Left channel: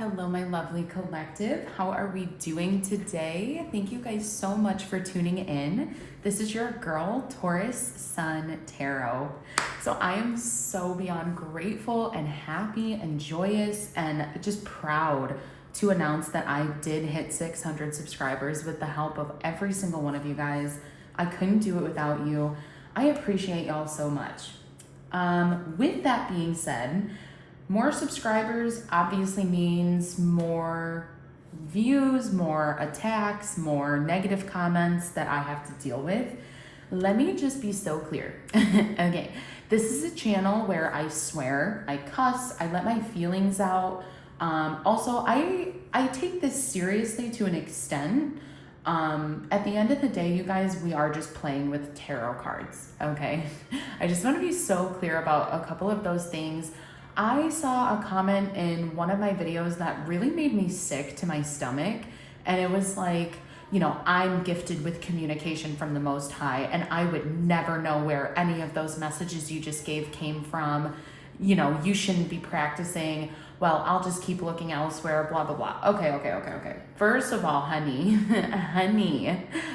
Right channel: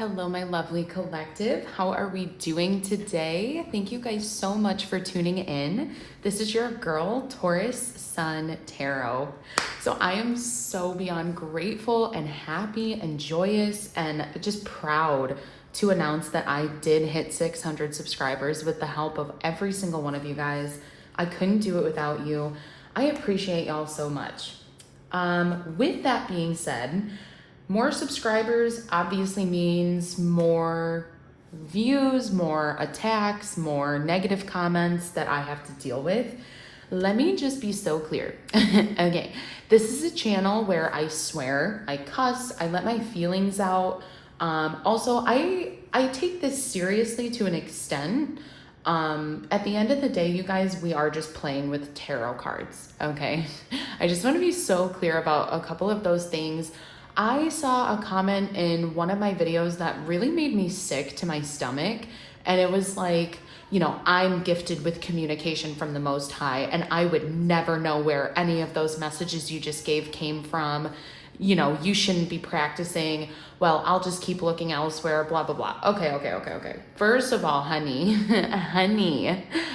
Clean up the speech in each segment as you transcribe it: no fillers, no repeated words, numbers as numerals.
Hello, my lovely collective. How are we doing today? Thank you guys so much for tuning in. This is your girl, Taurus Sun Tarot. So I am so beyond grateful and happy and joyous and just proud to announce that I did hit 600 subscribers with the help of every single one of you guys. I couldn't do it without you. I appreciate y'all so much. With that being said, more subscribers obviously means more views, more attacks, more negative comments that I have to deal with. Let me just be so clear. Okay, this is a channel where I swear, I cuss, I let my feelings out. Also, I take this seriously to an extent. At the end of the day, you guys, we are just playing with tarot cards, okay? I just want to be so clear about a couple of those things. I saw a comment in one of my videos that really made me sick to my stomach, and it was like, you know, I'm gifted with communication from the Most High, and I would never know where any of those messages you just gave came from. You know, you shouldn't be practicing. Well, I'll just keep looking elsewhere, blah, blah, blah. Okay. First of all, honey,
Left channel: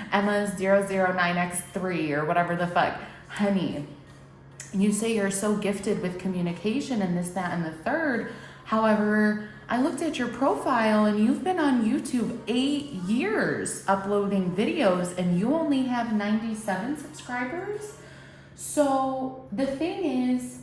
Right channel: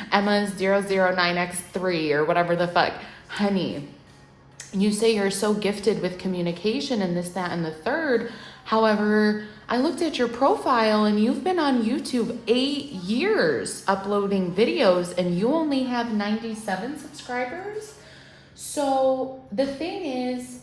Emma 009X3 or whatever the fuck, honey, you say you're so gifted with communication and this, that, and the third. However, I looked at your profile and you've been on YouTube 8 years uploading videos and you only have 97 subscribers. So the thing is,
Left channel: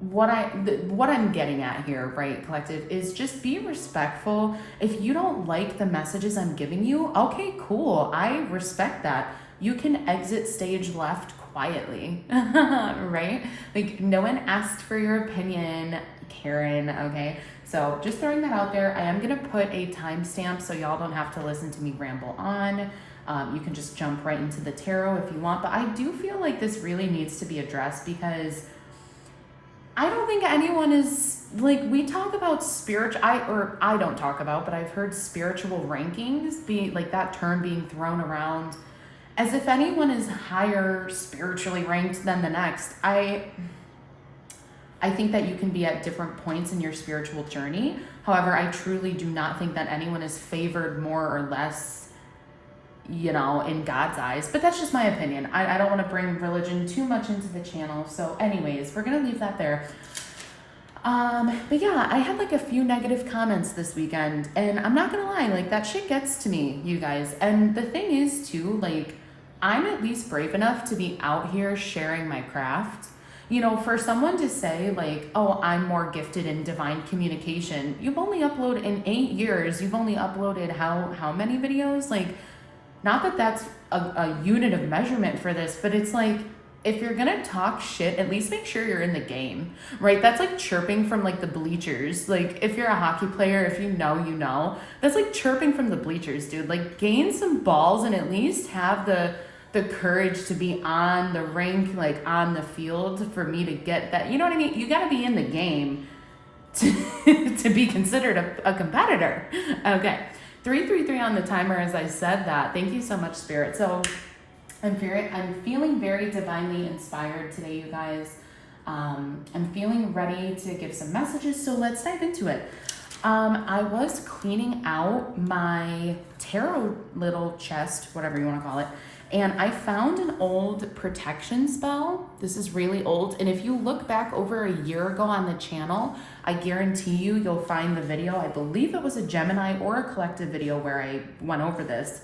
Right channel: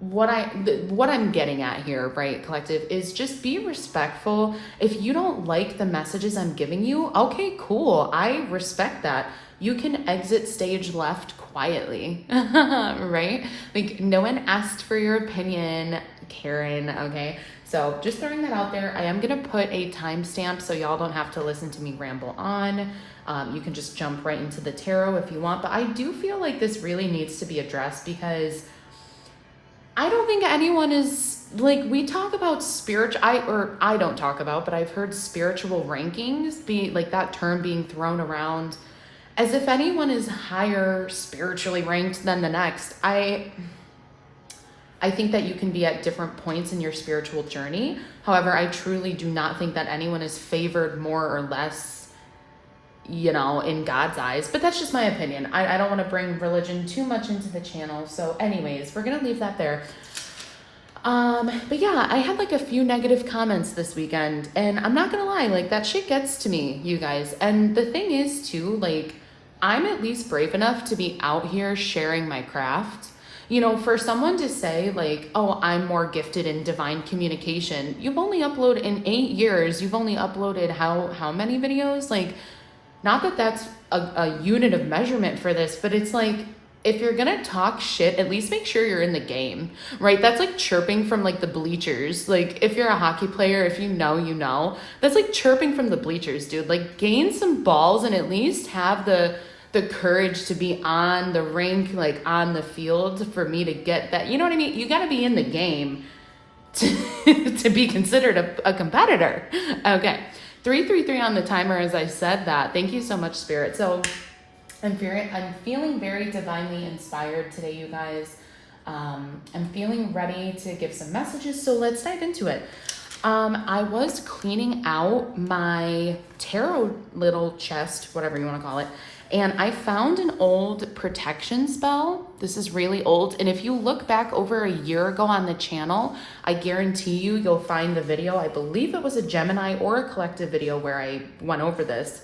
what I'm getting at here, right, collective, is just be respectful. If you don't like the messages I'm giving you, okay, cool. I respect that. You can exit stage left quietly, right? Like, no one asked for your opinion, Karen, okay? So just throwing that out there. I am gonna put a timestamp so y'all don't have to listen to me ramble on. You can just jump right into the tarot if you want, but I do feel like this really needs to be addressed because I don't think anyone is, like, we talk about I don't talk about, but I've heard spiritual rankings be, like, that term being thrown around as if anyone is higher spiritually ranked than the next. I think that you can be at different points in your spiritual journey. However, I truly do not think that anyone is favored more or less, you know, in God's eyes. But that's just my opinion. I don't want to bring religion too much into the channel. So anyways, we're going to leave that there. But yeah, I had like a few negative comments this weekend, and I'm not going to lie, like, that shit gets to me, you guys. And the thing is too, like, I'm at least brave enough to be out here sharing my craft. You know, for someone to say like, oh, I'm more gifted in divine communication. You've only uploaded in 8 years. You've only uploaded how many videos? Like, not that that's a unit of measurement for this, but it's like, if you're gonna talk shit, at least make sure you're in the game, right? That's like chirping from like the bleachers. Like, if you're a hockey player, if you know, you know. That's like chirping from the bleachers, dude. Like, gain some balls and at least have the courage to be on the rink, like on the field, for me to get that. You know what I mean? You gotta be in the game to be considered a competitor. Okay. 333 on the timer as I said that. Thank you so much, Spirit. So I'm feeling very divinely inspired today, you guys. I'm feeling ready to give some messages, so let's dive into it. I was cleaning out my tarot little chest, whatever you want to call it, and I found an old protection spell. This is really old, and if you look back over a year ago on the channel, I guarantee you'll find the video. I believe it was a Gemini or a collective video where I went over this.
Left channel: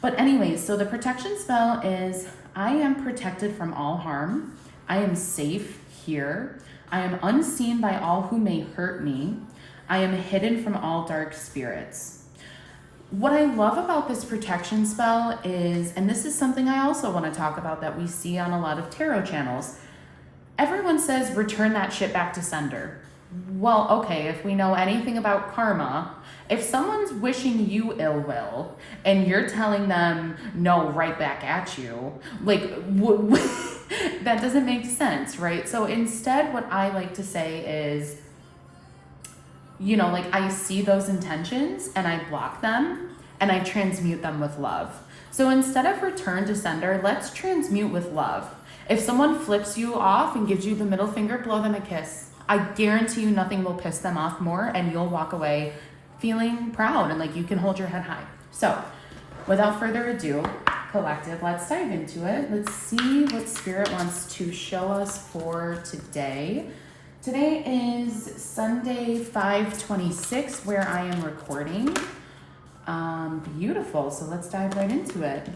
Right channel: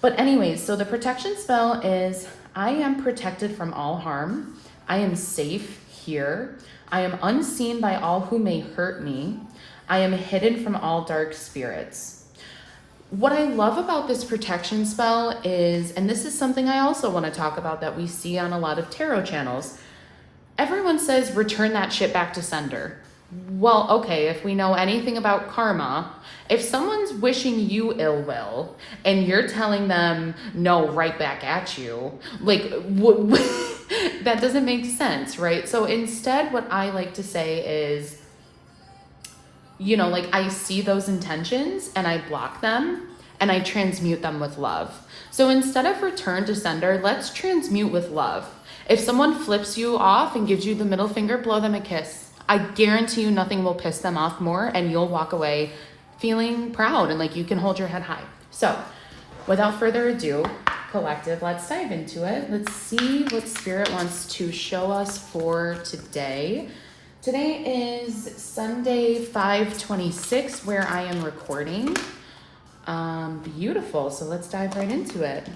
But anyways, so the protection spell is, I am protected from all harm. I am safe here. I am unseen by all who may hurt me. I am hidden from all dark spirits. What I love about this protection spell is, and this is something I also want to talk about that we see on a lot of tarot channels, everyone says return that shit back to sender. Well, okay, if we know anything about karma, if someone's wishing you ill will and you're telling them no, right back at you, like, that doesn't make sense, right? So instead, what I like to say is, you know, like, I see those intentions and I block them and I transmute them with love. So instead of return to sender, let's transmute with love. If someone flips you off and gives you the middle finger, blow them a kiss. I guarantee you nothing will piss them off more, and you'll walk away feeling proud and like you can hold your head high. So without further ado, collective, let's dive into it. Let's see what Spirit wants to show us for today. Today is Sunday, 5/26, where I am recording. Beautiful. So let's dive right into it.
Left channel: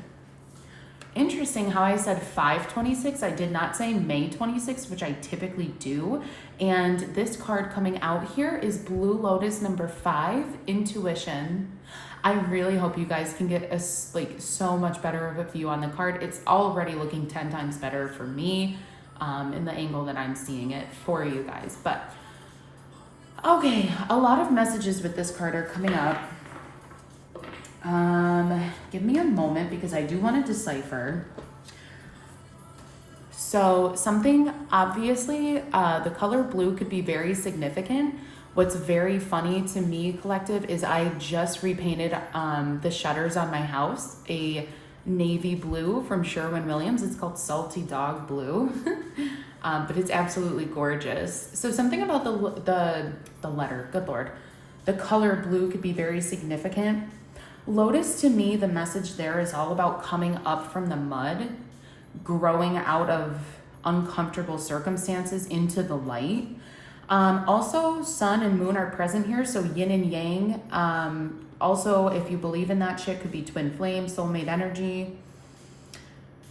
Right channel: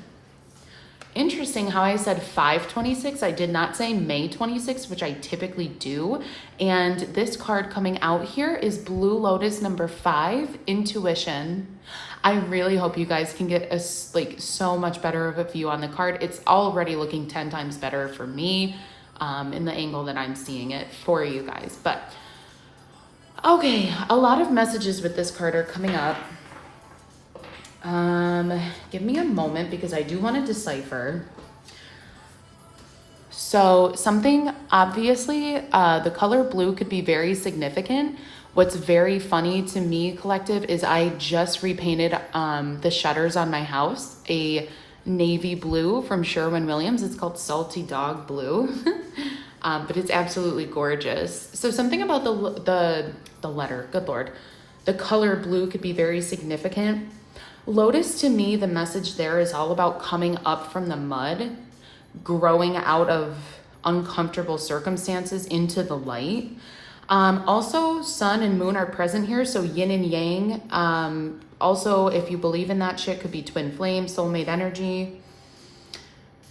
Interesting how I said 5/26. I did not say May 26th, which I typically do. And this card coming out here is Blue Lotus number 5, Intuition. I really hope you guys can get a so much better of a view on the card. It's already looking 10 times better for me in the angle that I'm seeing it for you guys. But okay, a lot of messages with this card are coming up. Give me a moment because I do want to decipher. So something, obviously, the color blue could be very significant. What's very funny to me, collective, is I just repainted the shutters on my house, a navy blue from Sherwin-Williams. It's called Salty Dog Blue, but it's absolutely gorgeous. So something about the letter, good Lord, the color blue could be very significant. Lotus, to me, the message there is all about coming up from the mud, growing out of uncomfortable circumstances into the light. Also, sun and moon are present here, so yin and yang. Also, if you believe in that shit, could be twin flame, soulmate energy.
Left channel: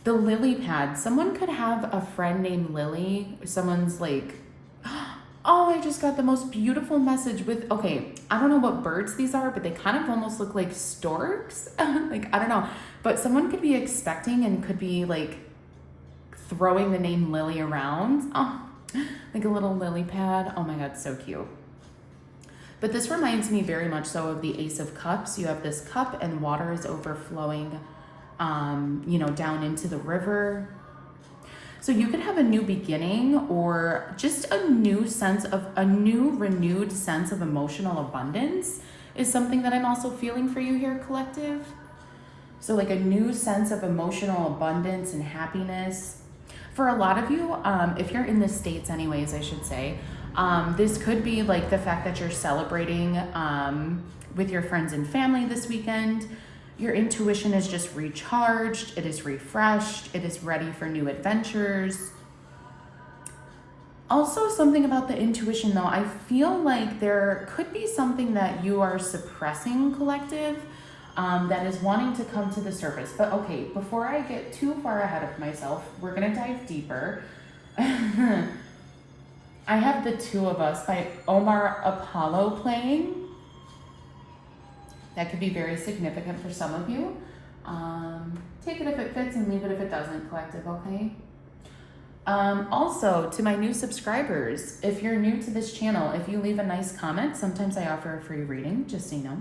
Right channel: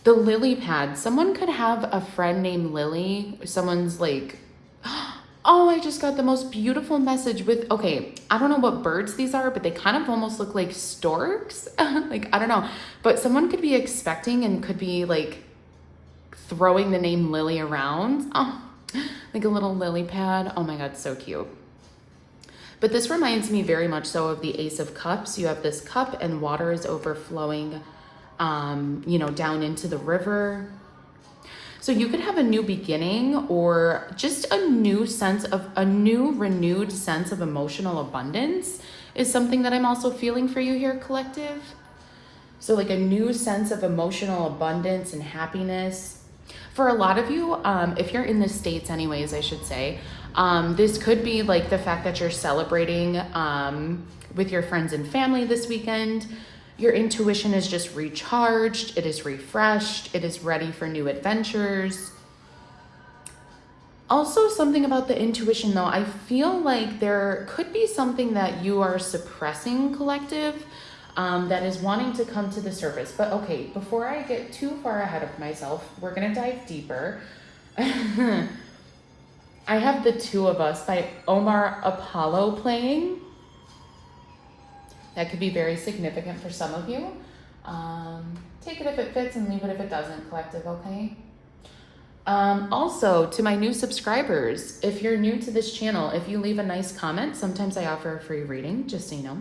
The lily pad. Someone could have a friend named Lily. Someone's like, oh, I just got the most beautiful message with, okay, I don't know what birds these are, but they kind of almost look like storks. Like, I don't know. But someone could be expecting and could be like throwing the name Lily around. Oh, like a little lily pad. Oh my God, so cute. But this reminds me very much so of the Ace of Cups. You have this cup and water is overflowing, down into the river. So you could have a new beginning or just a new renewed sense of emotional abundance is something that I'm also feeling for you here, collective. So like a new sense of emotional abundance and happiness. For a lot of you, if you're in the States anyways, I should say, this could be like the fact that you're celebrating with your friends and family this weekend. Your intuition is just recharged, it is refreshed, it is ready for new adventures. Also, something about the intuition though, I feel like there could be something that you are suppressing, collective, that is wanting to come to the surface. But okay, before I get too far ahead of myself, we're gonna dive deeper. I have The Two of Us by Omar Apollo playing. That could be very significant for some of you. Take it if it fits and leave it if it doesn't, collective, okay? Also, to my new subscribers, if you're new to this channel, if you leave a nice comment, sometimes I offer a free reading, just so you know.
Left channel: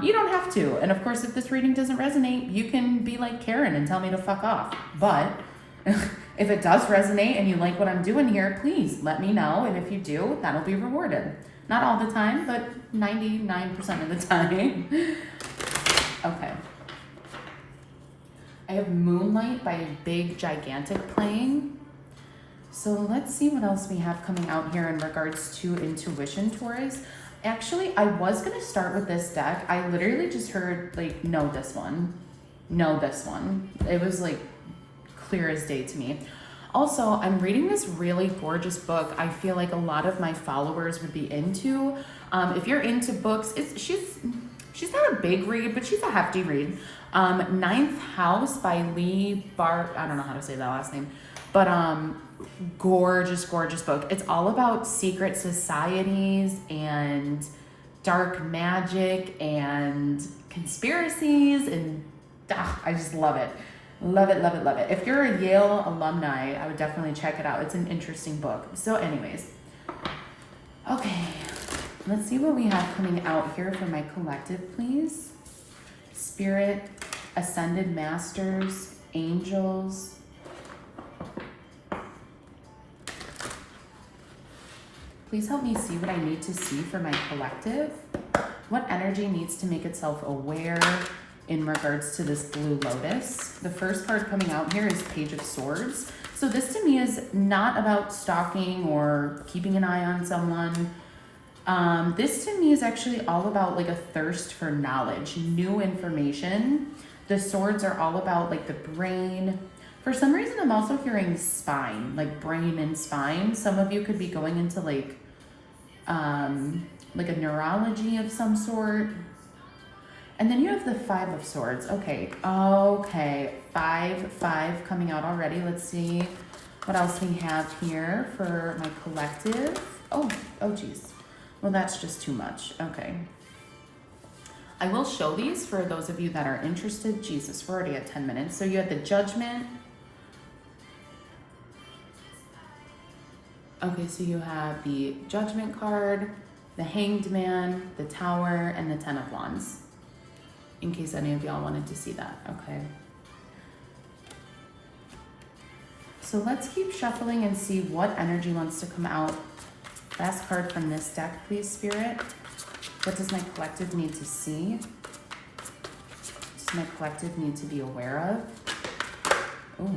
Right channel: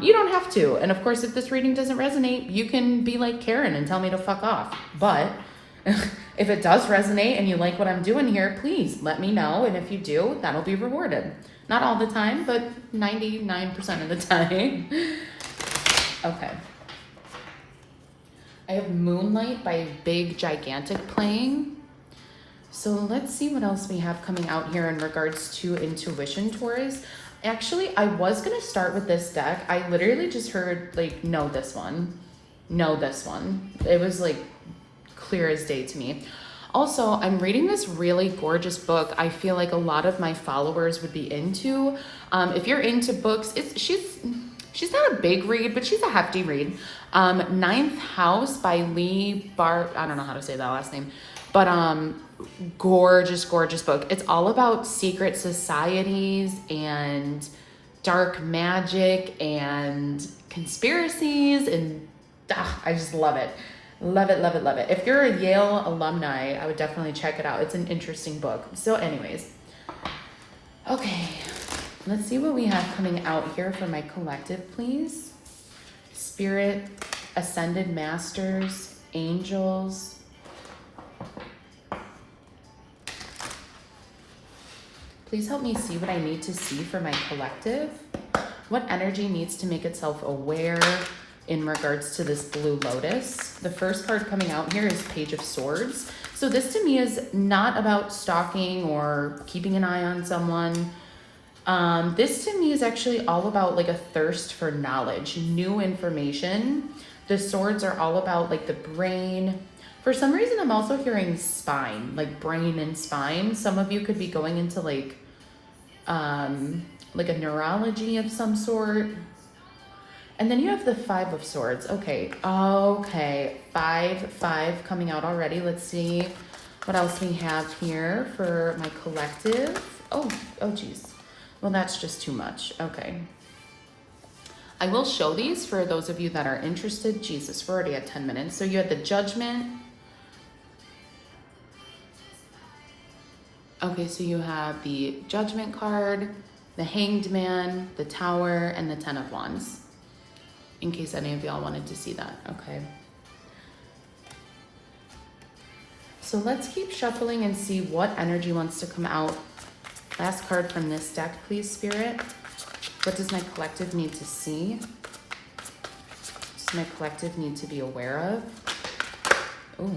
You don't have to. And of course, if this reading doesn't resonate, you can be like Karen and tell me to fuck off. But if it does resonate and you like what I'm doing here, please let me know. And if you do, that'll be rewarded. Not all the time, but 99% of the time. Okay. I have Moonlight by Big Gigantic playing. So let's see what else we have coming out here in regards to intuition, Taurus. Actually, I was going to start with this deck. I literally just heard, like, no, this one. No, this one. It was, like, clear as day to me. Also, I'm reading this really gorgeous book I feel like a lot of my followers would be into. If you're into books, she's not a big read, but she's a hefty read. Ninth House by Lee Bar. I don't know how to say that last name. But gorgeous, gorgeous book. It's all about secret societies and dark magic and conspiracies. And I just love it. Love it, love it, love it. If you're a Yale alumni, I would definitely check it out. It's an interesting book. So anyways, okay, let's see what we have coming out here for my collective, please. Spirit, Ascended Masters, Angels. Please help me see what I need to see for my collective. What energy needs to make itself aware? in regards to this Blue Lotus. The first card coming out here is Page of Swords. So this to me is not about stalking or keeping an eye on someone. This to me is actually all about like a thirst for knowledge, new information. The swords are all about like the brain. For some reason, I'm also hearing spine, like brain and spine. Some of you could be going into like a neurology of some sort. And then you have the Five of Swords. Okay, five coming out already. Let's see what else we have here for my collective. Oh, geez. Well, that's just too much. Okay. I will show these for those of you that are interested. Jesus, we're already at 10 minutes. So you had the Judgment. Okay, so you have the Judgment card, the Hanged Man, the Tower, and the Ten of Wands. In case any of y'all wanted to see that, okay. So let's keep shuffling and see what energy wants to come out. Last card from this deck, please, Spirit. What does my collective need to see? What does my collective need to be aware of? Oh.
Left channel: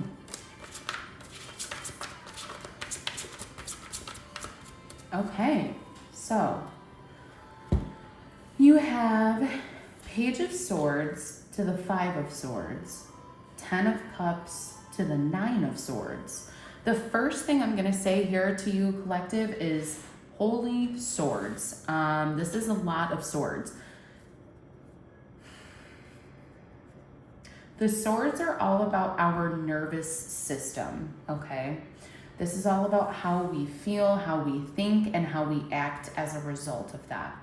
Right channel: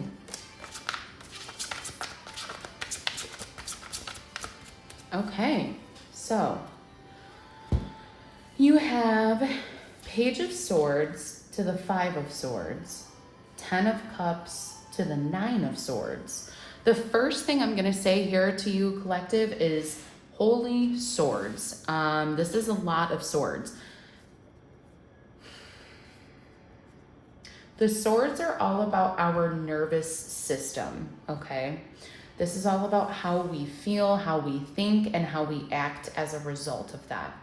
Okay, so you have Page of Swords to the Five of Swords, Ten of Cups to the Nine of Swords. The first thing I'm going to say here to you, collective, is holy swords. This is a lot of swords. The swords are all about our nervous system, okay? This is all about how we feel, how we think, and how we act as a result of that.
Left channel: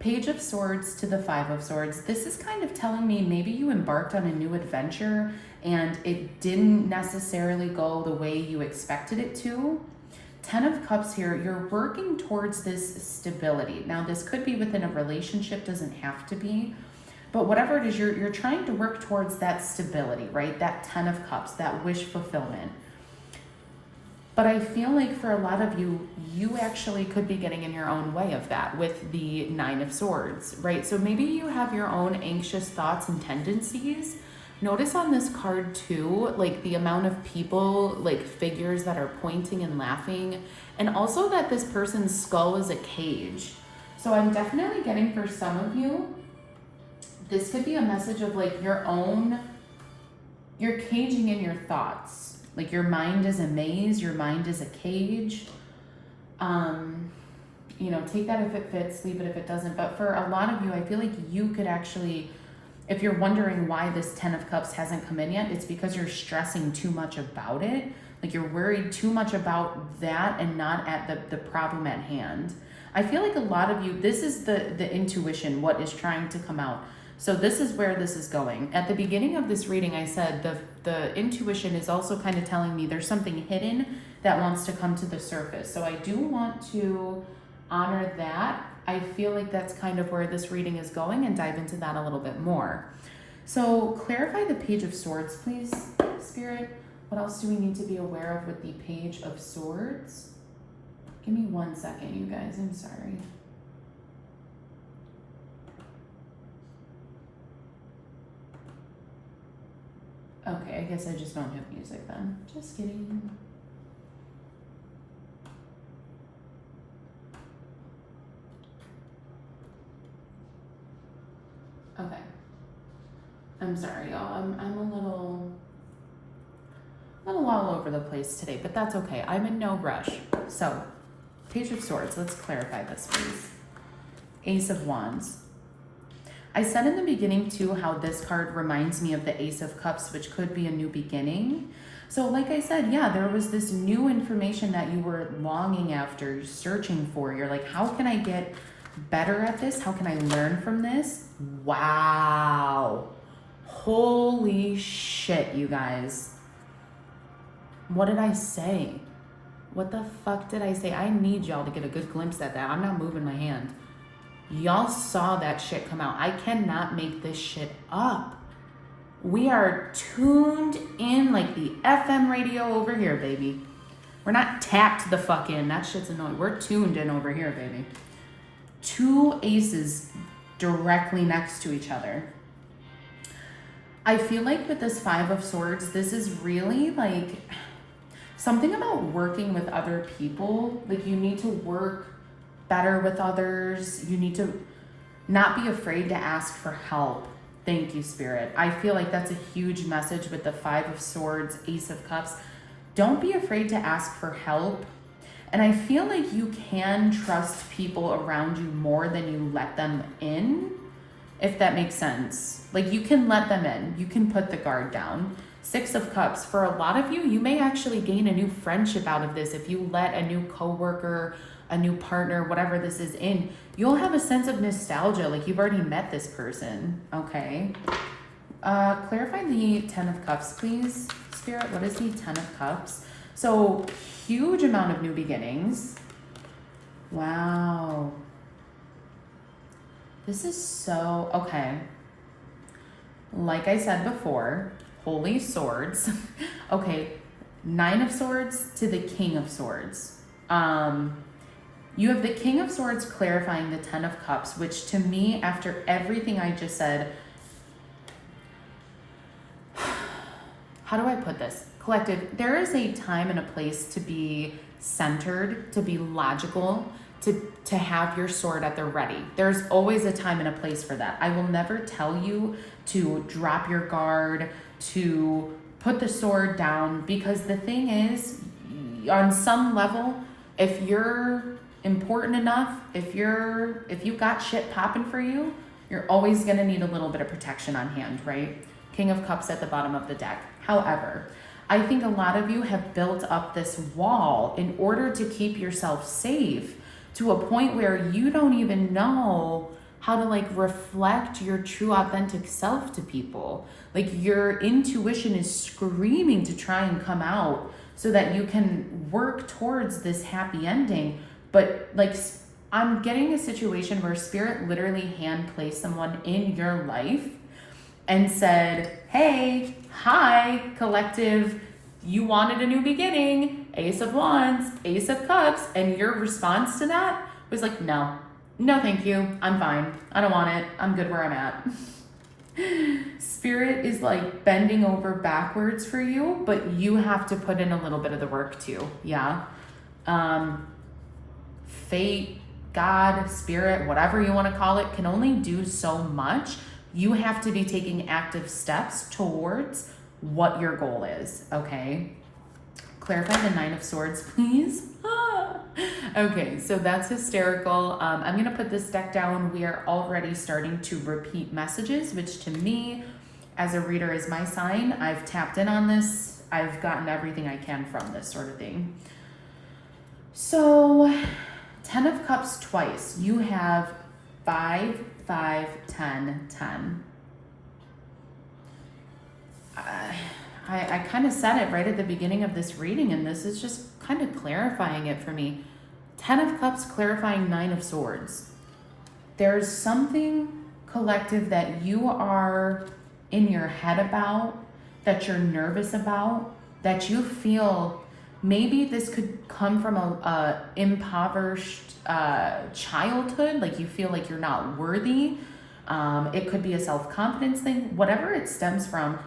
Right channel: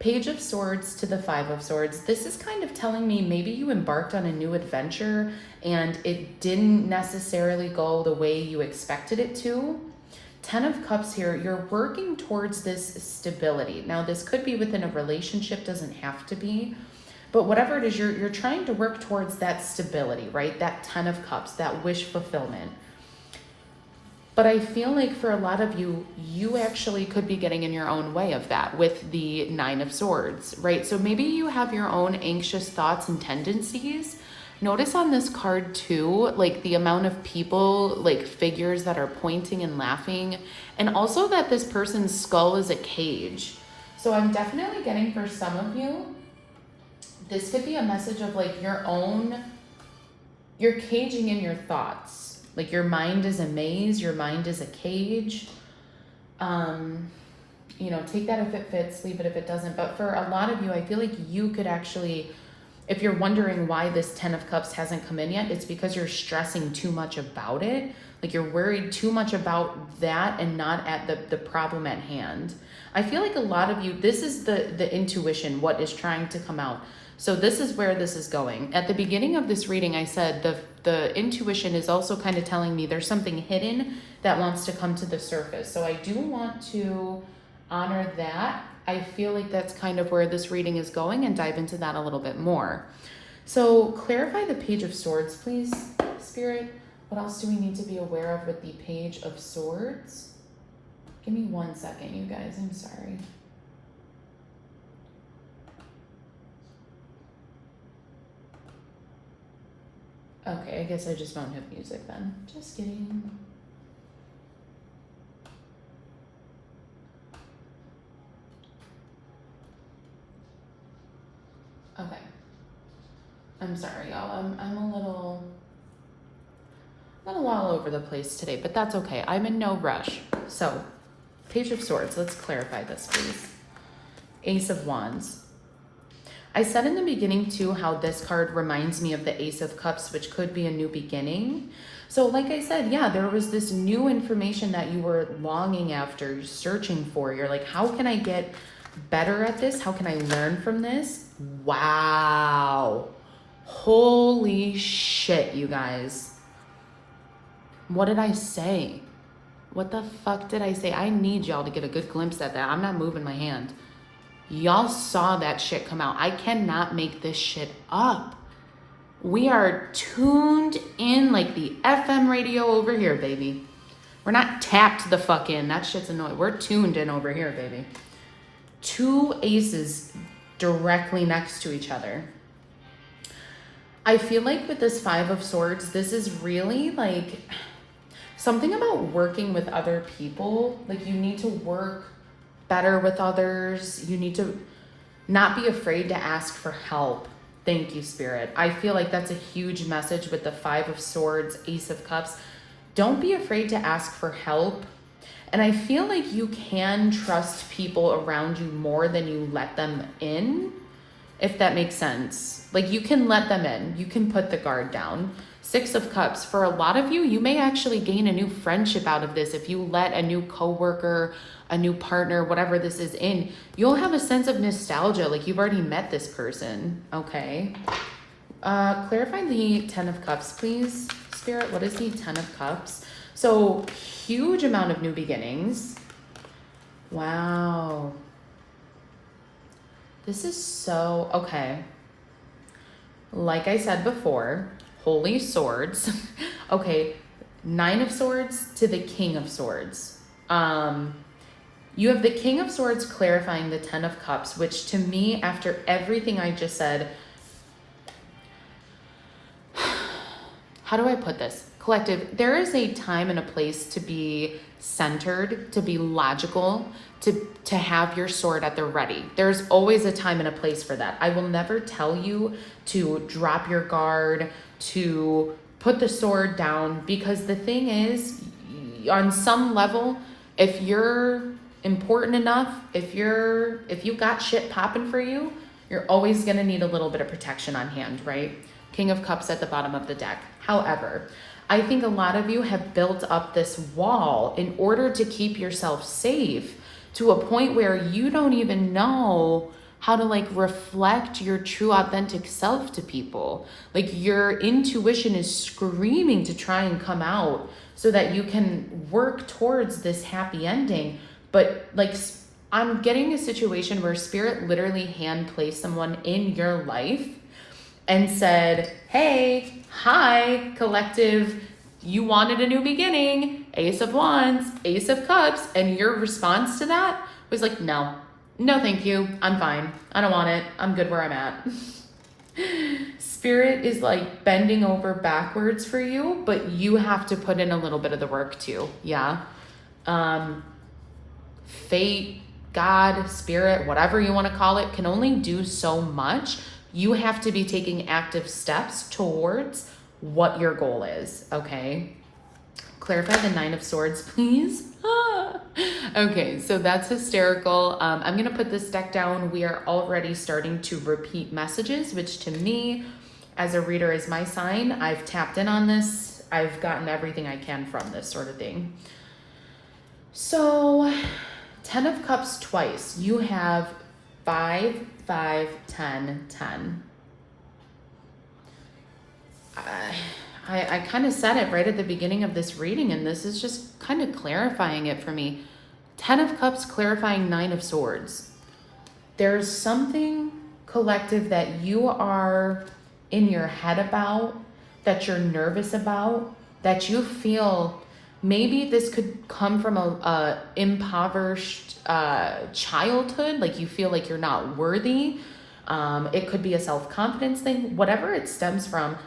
Page of Swords to the Five of Swords. This is kind of telling me maybe you embarked on a new adventure and it didn't necessarily go the way you expected it to. Ten of Cups here, you're working towards this stability. Now, this could be within a relationship, doesn't have to be. But whatever it is, you're trying to work towards that stability, right? That Ten of Cups, that wish fulfillment. But I feel like for a lot of you, you actually could be getting in your own way of that with the Nine of Swords, right? So maybe you have your own anxious thoughts and tendencies. Notice on this card too, like the amount of people, like figures that are pointing and laughing, and also that this person's skull is a cage. So I'm definitely getting for some of you, this could be a message of like you're caging in your thoughts. Like your mind is a maze, your mind is a cage. Take that if it fits, leave it if it doesn't. But for a lot of you, I feel like you could actually, if you're wondering why this Ten of Cups hasn't come in yet, it's because you're stressing too much about it. Like you're worried too much about that and not at the problem at hand. I feel like a lot of you, this is the intuition, what is trying to come out. So this is where this is going. At the beginning of this reading, I said the intuition is also kind of telling me there's something hidden that wants to come to the surface. So I do want to honor that. I feel like that's kind of where this reading is going and dive into that a little bit more. So clarify the Page of Swords, please, Spirit. What else do we need to be aware of with the Page of Swords? Give me 1 second, you guys. I'm sorry. Okay, I guess I just don't have music then. Just kidding. Okay. I'm sorry, y'all. I'm a little all over the place today, but that's okay. I'm in no rush. So, Page of Swords. Let's clarify this, please. Ace of Wands. I said in the beginning too how this card reminds me of the Ace of Cups, which could be a new beginning. So like I said, yeah, there was this new information that you were longing after, you're searching for. You're like, how can I get better at this? How can I learn from this? Wow. Holy shit, you guys. What did I say? What the fuck did I say? I need y'all to get a good glimpse at that. I'm not moving my hand. Y'all saw that shit come out. I cannot make this shit up. We are tuned in like the FM radio over here, baby. We're not tapped the fuck in. That shit's annoying. We're tuned in over here, baby. Two aces directly next to each other. I feel like with this Five of Swords, this is really like something about working with other people. Like you need to work better with others. You need to not be afraid to ask for help. Thank you, Spirit. I feel like that's a huge message with the Five of Swords, Ace of Cups. Don't be afraid to ask for help. And I feel like you can trust people around you more than you let them in, if that makes sense. Like you can let them in. You can put the guard down. Six of Cups, for a lot of you, you may actually gain a new friendship out of this. If you let a new coworker, a new partner, whatever this is in, you'll have a sense of nostalgia, like you've already met this person, okay? Clarify the Ten of Cups, please, Spirit. What is the Ten of Cups? So, huge amount of new beginnings. Wow. This is so, okay. Like I said before, Holy Swords. Okay, Nine of Swords to the King of Swords. You have the King of Swords clarifying the Ten of Cups, which to me, after everything I just said, how do I put this? Collective, there is a time and a place to be centered, to be logical, to have your sword at the ready. There's always a time and a place for that. I will never tell you to drop your guard, to put the sword down, because the thing is, on some level, if you're important enough, if you got shit popping for you, you're always gonna need a little bit of protection on hand, right? King of Cups at the bottom of the deck. However, I think a lot of you have built up this wall in order to keep yourself safe to a point where you don't even know how to like reflect your true authentic self to people. Like your intuition is screaming to try and come out so that you can work towards this happy ending. But like I'm getting a situation where Spirit literally hand placed someone in your life and said, hey, hi, collective, you wanted a new beginning, Ace of Wands, Ace of Cups, and your response to that was like, no, thank you, I'm fine, I don't want it, I'm good where I'm at. Spirit is like bending over backwards for you, but you have to put in a little bit of the work too, yeah? Fate, God, Spirit, whatever you want to call it, can only do so much. You have to be taking active steps towards what your goal is, okay? Clarify the Nine of Swords, please. Okay, so that's hysterical. I'm going to put this deck down. We are already starting to repeat messages, which to me, as a reader, is my sign. I've tapped in on this. I've gotten everything I can from this sort of thing. So, 10 of Cups twice. You have 5, 5, 10, 10. I kind of said it right at the beginning of this reading, and this is just kind of clarifying it for me. 10 of Cups clarifying 9 of Swords. There's something, collective, that you are in your head about, that you're nervous about, that you feel maybe this could come from a impoverished childhood, like you feel like you're not worthy. It could be a self-confidence thing, whatever it stems from.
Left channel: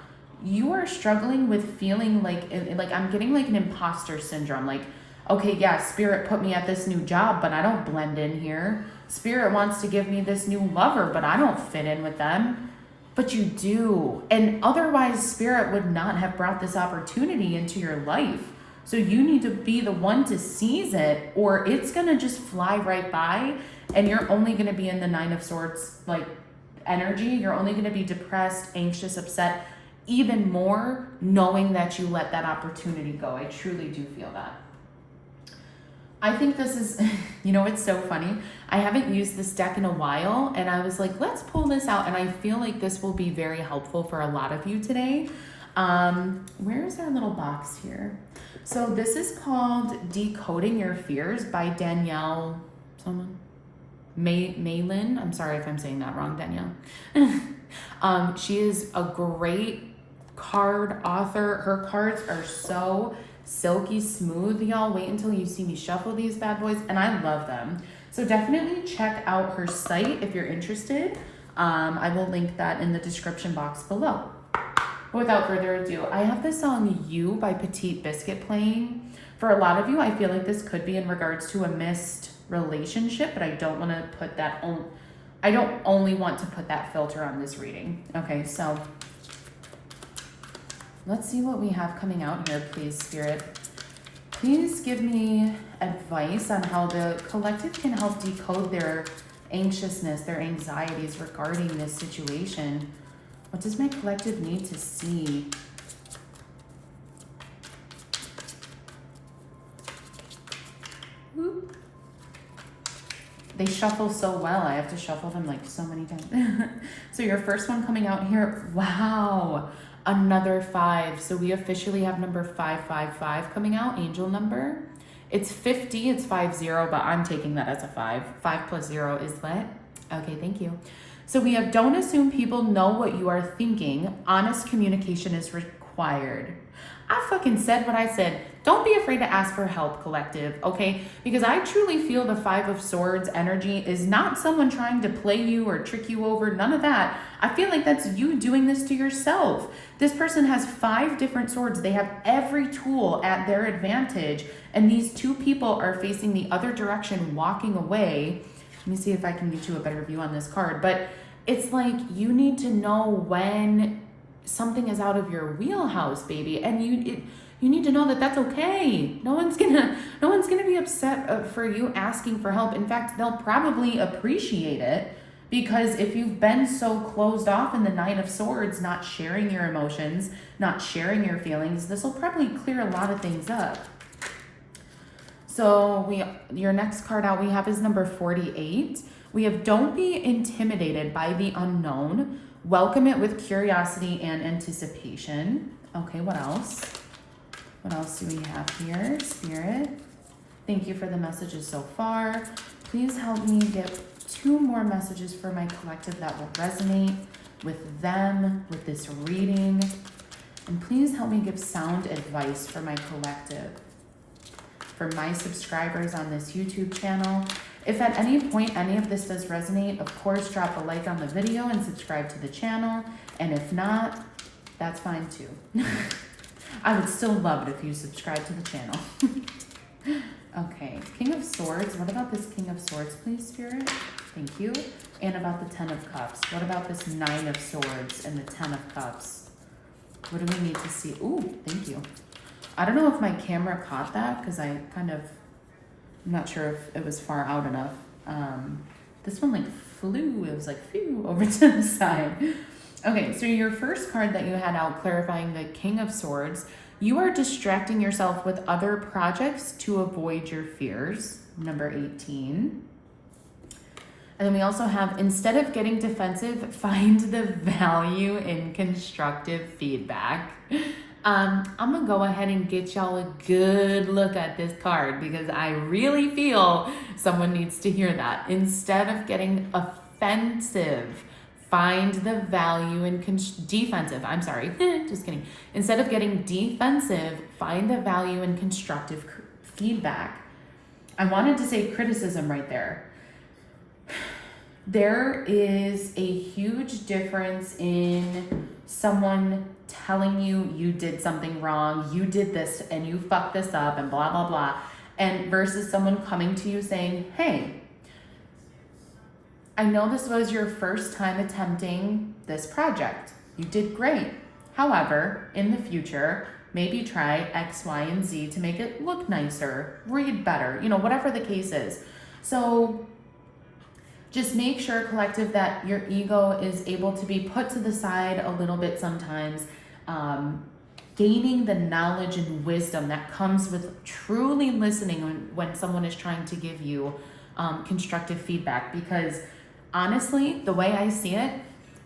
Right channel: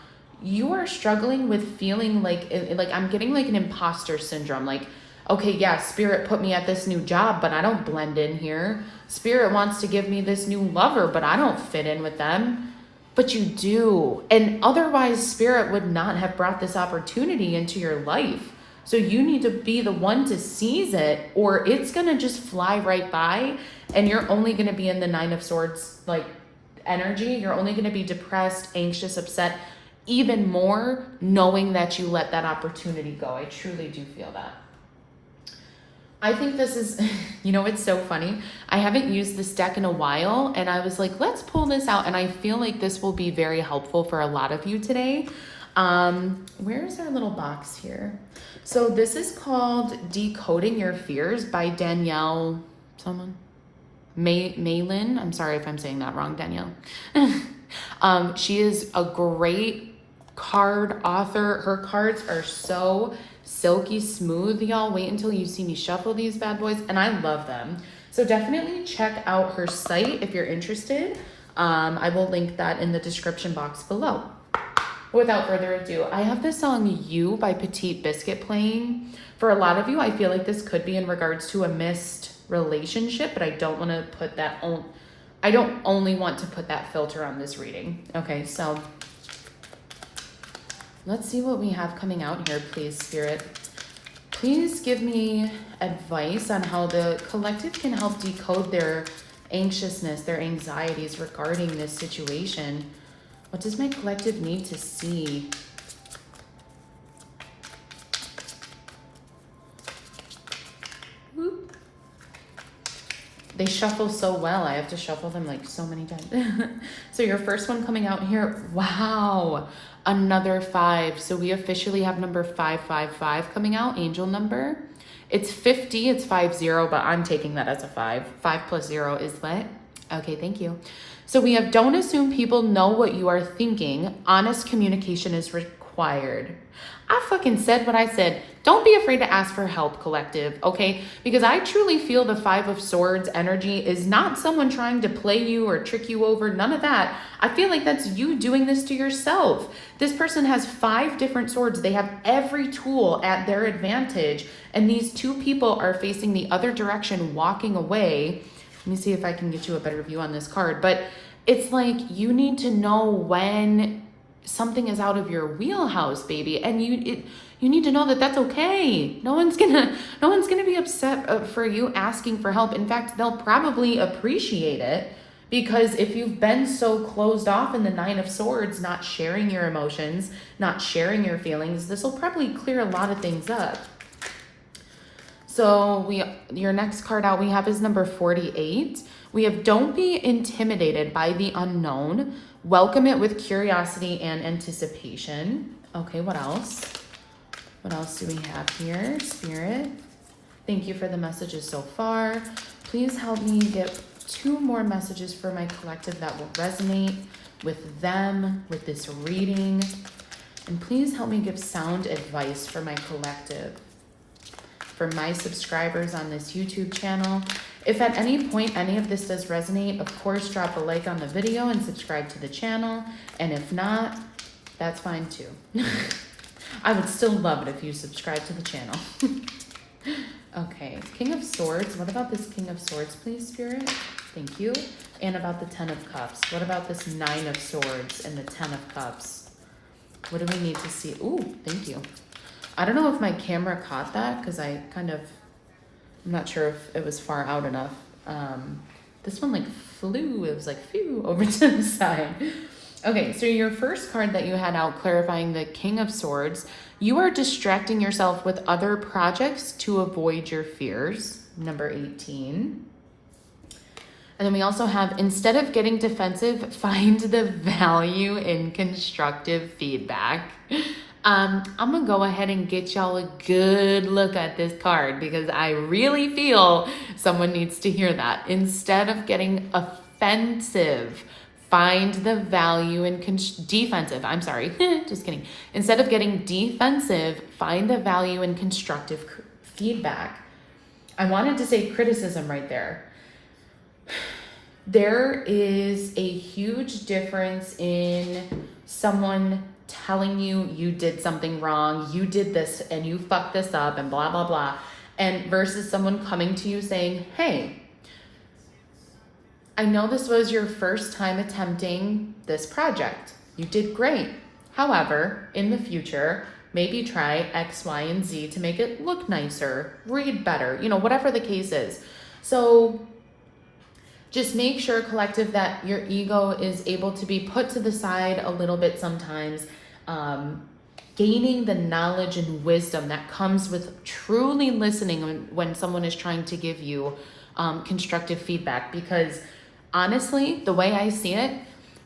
You are struggling with feeling like I'm getting like an imposter syndrome. Like, okay, yeah, Spirit put me at this new job, but I don't blend in here. Spirit wants to give me this new lover, but I don't fit in with them. But you do. And otherwise, Spirit would not have brought this opportunity into your life. So you need to be the one to seize it, or it's going to just fly right by, and you're only going to be in the Nine of Swords like energy. You're only going to be depressed, anxious, upset, even more knowing that you let that opportunity go. I truly do feel that. I think this is, it's so funny. I haven't used this deck in a while, and I was like, let's pull this out, and I feel like this will be very helpful for a lot of you today. Where's our little box here? So this is called Decoding Your Fears by Danielle, Malin. I'm sorry if I'm saying that wrong, Danielle. She is a great card author. Her cards are so silky smooth, y'all. Wait until you see me shuffle these bad boys, and I love them. So definitely check out her site if you're interested. I will link that in the description box below. Without further ado, I have the song You by Petite Biscuit playing. For a lot of you, I feel like this could be in regards to a missed relationship, but I don't want to put that on. I don't only want to put that filter on this reading. Okay, so let's see what we have coming out here, please, Spirit. Please give me advice on how the collective can help decode their anxiousness, their anxieties regarding this situation. What does my collective need to see? Whoop. They shuffle so well. I have to shuffle them like so many times. So your first one coming out here, wow, another 5. So we officially have number 555 coming out, angel number. It's 50, it's 50, but I'm taking that as a 5. 5 plus 0 is what? Okay, thank you. So we have, don't assume people know what you are thinking. Honest communication is required. I fucking said what I said. Don't be afraid to ask for help, collective, okay? Because I truly feel the 5 of Swords energy is not someone trying to play you or trick you over, none of that. I feel like that's you doing this to yourself. This person has 5 different swords. They have every tool at their advantage, and these 2 people are facing the other direction, walking away. Let me see if I can get you a better view on this card, but it's like you need to know when something is out of your wheelhouse, baby, and you need to know that that's okay. No one's gonna be upset for you asking for help. In fact, they'll probably appreciate it, because if you've been so closed off in the 9 of Swords, not sharing your emotions, not sharing your feelings, this will probably clear a lot of things up. So your next card out we have is number 48. We have, don't be intimidated by the unknown. Welcome it with curiosity and anticipation. Okay, what else? What else do we have here? Spirit, thank you for the messages so far. Please help me get 2 more messages for my collective that will resonate with them, with this reading. And please help me give sound advice for my collective. For my subscribers on this YouTube channel. If at any point any of this does resonate, of course, drop a like on the video and subscribe to the channel. And if not, that's fine too. I would still love it if you subscribe to the channel. Okay, King of Swords. What about this King of Swords, please, Spirit? Thank you. And about the 10 of Cups. What about this 9 of Swords and the 10 of Cups? What do we need to see? Ooh, thank you. I don't know if my camera caught that, because I'm not sure if it was far out enough. This one like flew, it was like phew, over to the side. Okay, so your first card that you had out, clarifying the King of Swords, you are distracting yourself with other projects to avoid your fears, number 18. And then we also have, instead of getting defensive, find the value in constructive feedback. I'm gonna go ahead and get y'all a good look at this card, because I really feel someone needs to hear that. Instead of getting offensive, find the value in defensive. I'm sorry, just kidding. Instead of getting defensive, find the value in constructive feedback. I wanted to say criticism right there. There is a huge difference in someone telling you you did something wrong, you did this and you fucked this up and blah, blah, blah, and versus someone coming to you saying, hey, I know this was your first time attempting this project. You did great. However, in the future, maybe try X, Y, and Z to make it look nicer, read better, whatever the case is. So just make sure, collective, that your ego is able to be put to the side a little bit sometimes. Gaining the knowledge and wisdom that comes with truly listening when someone is trying to give you constructive feedback. Because honestly, the way I see it,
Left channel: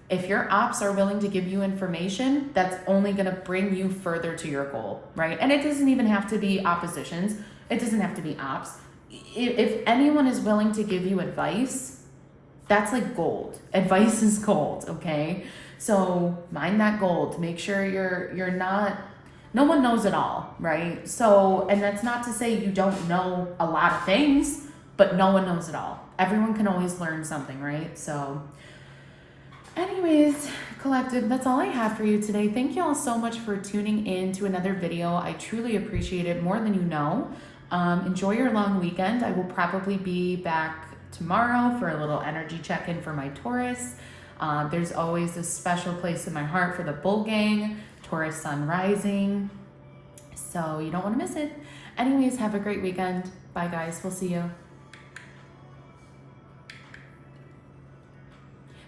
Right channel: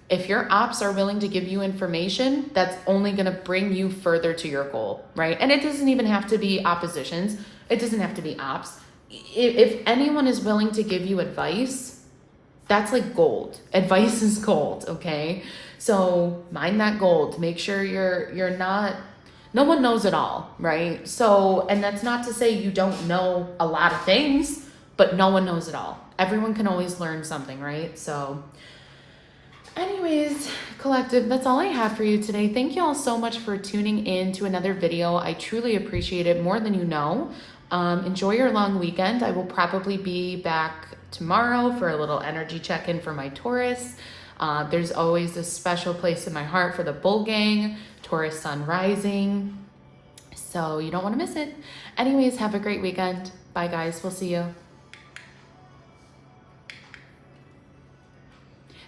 if your ops are willing to give you information, that's only going to bring you further to your goal, right? And it doesn't even have to be oppositions. It doesn't have to be ops. If anyone is willing to give you advice, that's like gold. Advice is gold, okay? So mine that gold. Make sure you're not, no one knows it all, right? So, and that's not to say you don't know a lot of things, but no one knows it all. Everyone can always learn something, right? So Anyways, collective, that's all I have for you today. Thank you all so much for tuning in to another video. I truly appreciate it more than you know. Enjoy your long weekend. I will probably be back tomorrow for a little energy check-in for my Taurus. There's always a special place in my heart for the bull gang, Taurus sun rising. So you don't want to miss it. Anyways, have a great weekend. Bye guys, we'll see you.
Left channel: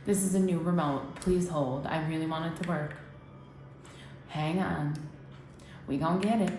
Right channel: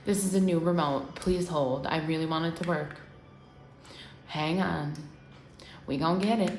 This is a new remote. Please hold. I really want it to work. Hang on. We gonna get it.